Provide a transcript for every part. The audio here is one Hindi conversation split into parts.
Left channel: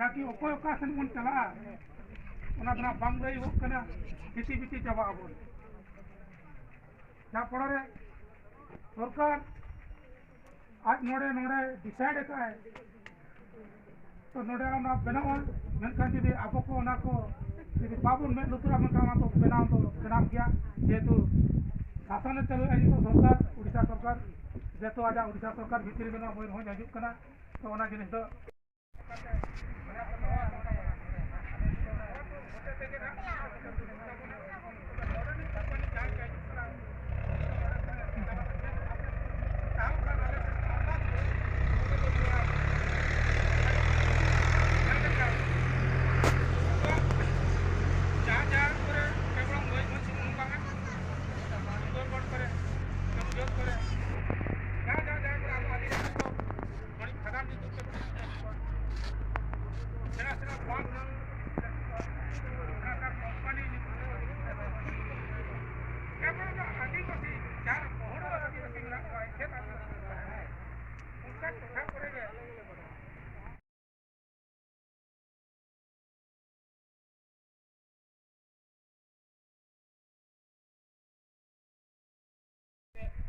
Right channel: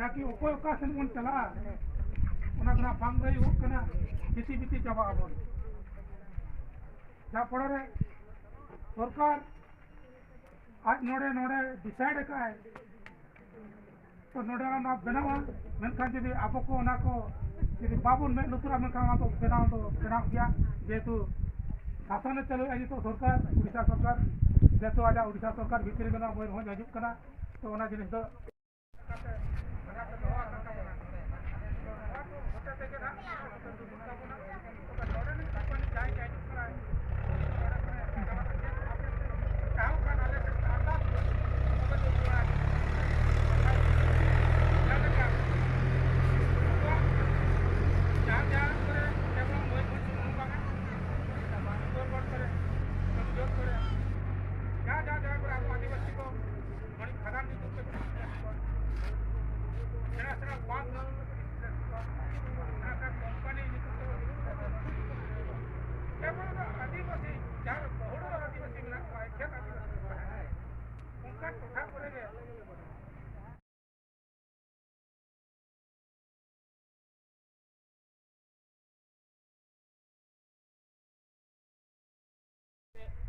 Naki okoy okasan mon chala ona bra bangrai okana kisi biti jaba abon ja padare sarkar आज नोड़े नोड़े डिसाइड का है तो नोड़े ना बनावा मेनकान जुदी आपो को ना को जुदी बाबुन में लुतरा में काम तो बनाव गया जेतु शासन चलो आई तो सरकार उड़ीसा सरकार जेतु आजा उड़ीसा सरकार भीतर में ना मोर हो हजु कना तो ओना जिनिस दो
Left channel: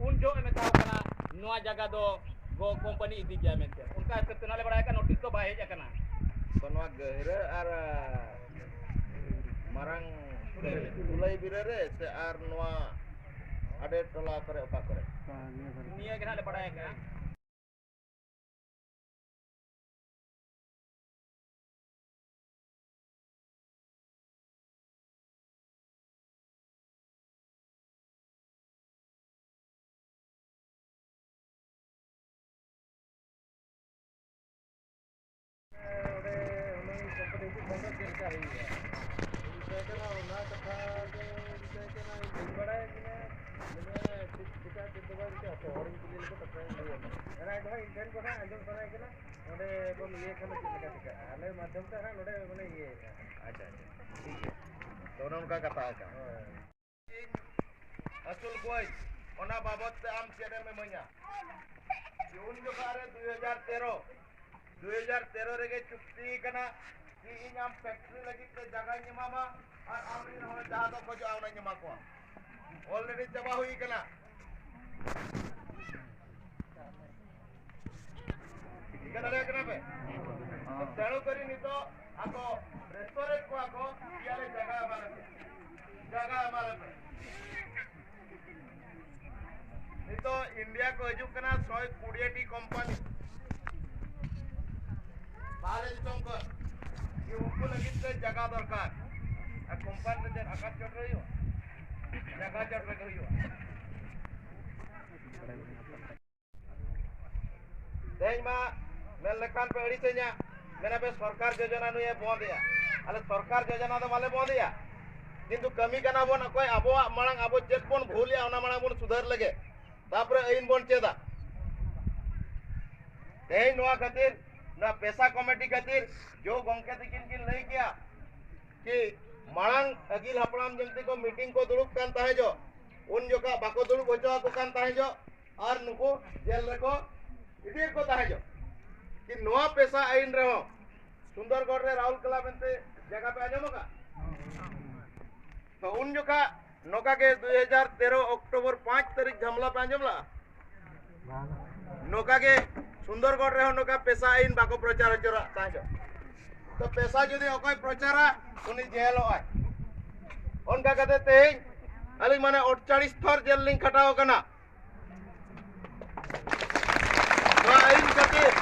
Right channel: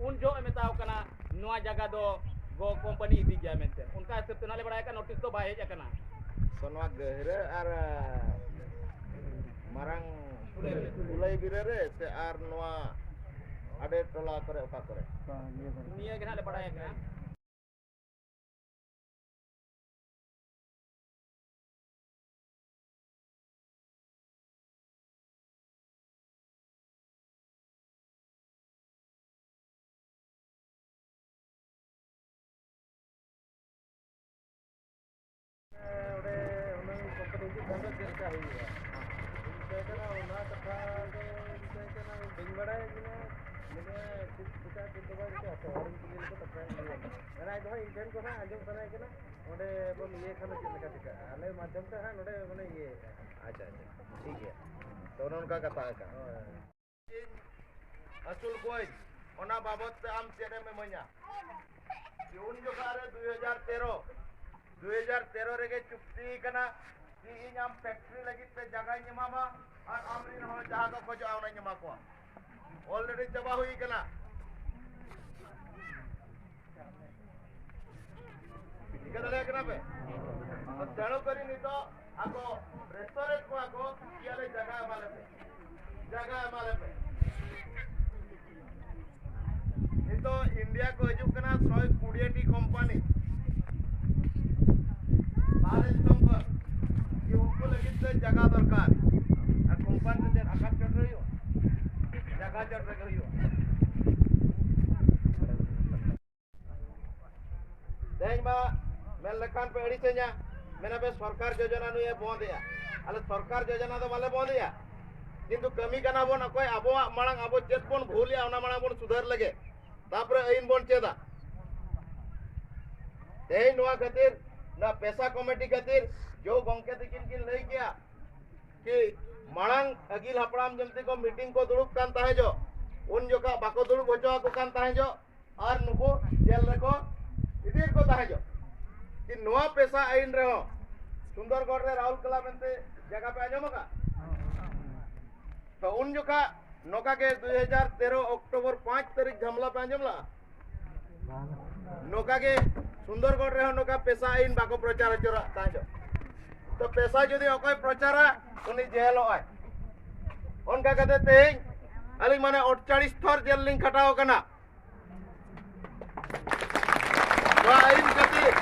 उन जो मेता कना नोआ जगह दो गो कंपनी इदी गया मेते उनका कितना ले बड़ाय का नोटिस तो बाहे जकना सोनवा गहरे are marang ulai birare se ar noa ade tola करे oka करे निया के ले बड़ाय का उनका कथा अचुल कोई ओना बाबत आम चेरे में मइया उन जो कारे 2013 रेगे चुक्ति कना कि इन आम फैक्ट्री लगी ते जगह निमामा और आम इन हो जहां को जो आवना निमा को ऑलरेडी जबा हुई कना इकरा ले कना पे तो तेणु करी नि तो आको रेस्टोरेंट को आको याले जगह माले पे नि तो इंडिया को हजू कना 120 टी कंपनी भारत संकर कि उनको लगी तो जगह दरकार आ कंपनी से आकाश चढ़ रही हो जगह चढ़ रही हो देख मा मेल लेखान पे अड़ी से मैंने बे सरकार योजना नु ये बंद या अले सरकार योजना तो माले बंद या किंतु कमी कना बोन कोई आबो मांग आबो चेक बोन भूल या ओना मांग बोन सुधार लगे तापर आइन बोन चेदा तेई नोआ खातिर ना पैसा कमेटी खातिर जो गंके तिकिन किन लई गया कि मांग अगिल हपड़ाम जमती को मीटिंग को दुरुप कान ताहे जो उन जो का बाको दुरुप होजो को कान ताहे जो और नुको जेल रको इधर को ताहे जो कि नोआ पैसा आइन रहो सुंदरगढ़ रे राहुल कला बनते जगह पे आजमोगा तो उन जो का नोका के 2013 अक्टूबर 5 तारीख झमला पे आंजमला नोका के सुंदरगढ़ रे नोका पेशा आईन बाको प्रचार चोरा ताजो तो पेशा जदि अकय प्रचारा उनी जेल आय उनका कहते तेज अली माने 48 थर जेल लिंग खटाओ कना तो आईन खातिर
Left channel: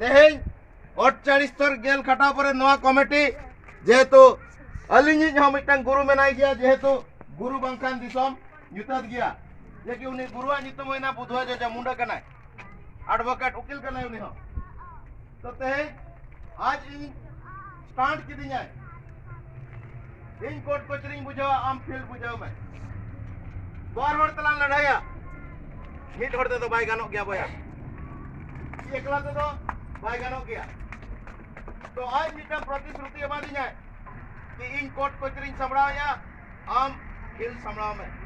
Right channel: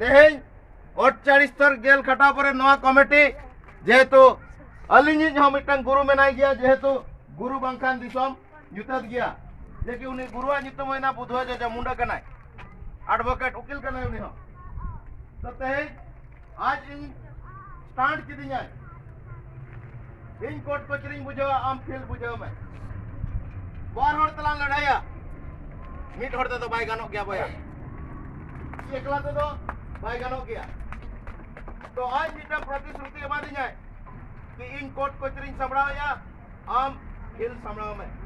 तेज 48 थर जेल खटाओ पर नवा कमिटी जेहेतु अलिंगी जहां मिटन गुरु मेनाई गया जेहेतु गुरु बंखान दिसम युतत गया जे कि उनी गुरुआ नितम होइना बुधवा जे मुंडा कनाय एडवोकेट वकील कनाय उनी हो तो तेज आज इन स्टार्ट किदी जाय इन कोर्ट कचरी बुझाव आम फील्ड बुझाव में बार हर तला लड़ाया मिट हरते तो बाय गानो गया बया एकला तो बाय गानो गया तो आज मिटन प्रतिश्रुति एमा दी जाय कि इन कोर्ट कचरी संभळाया आम फील्ड संभळाव में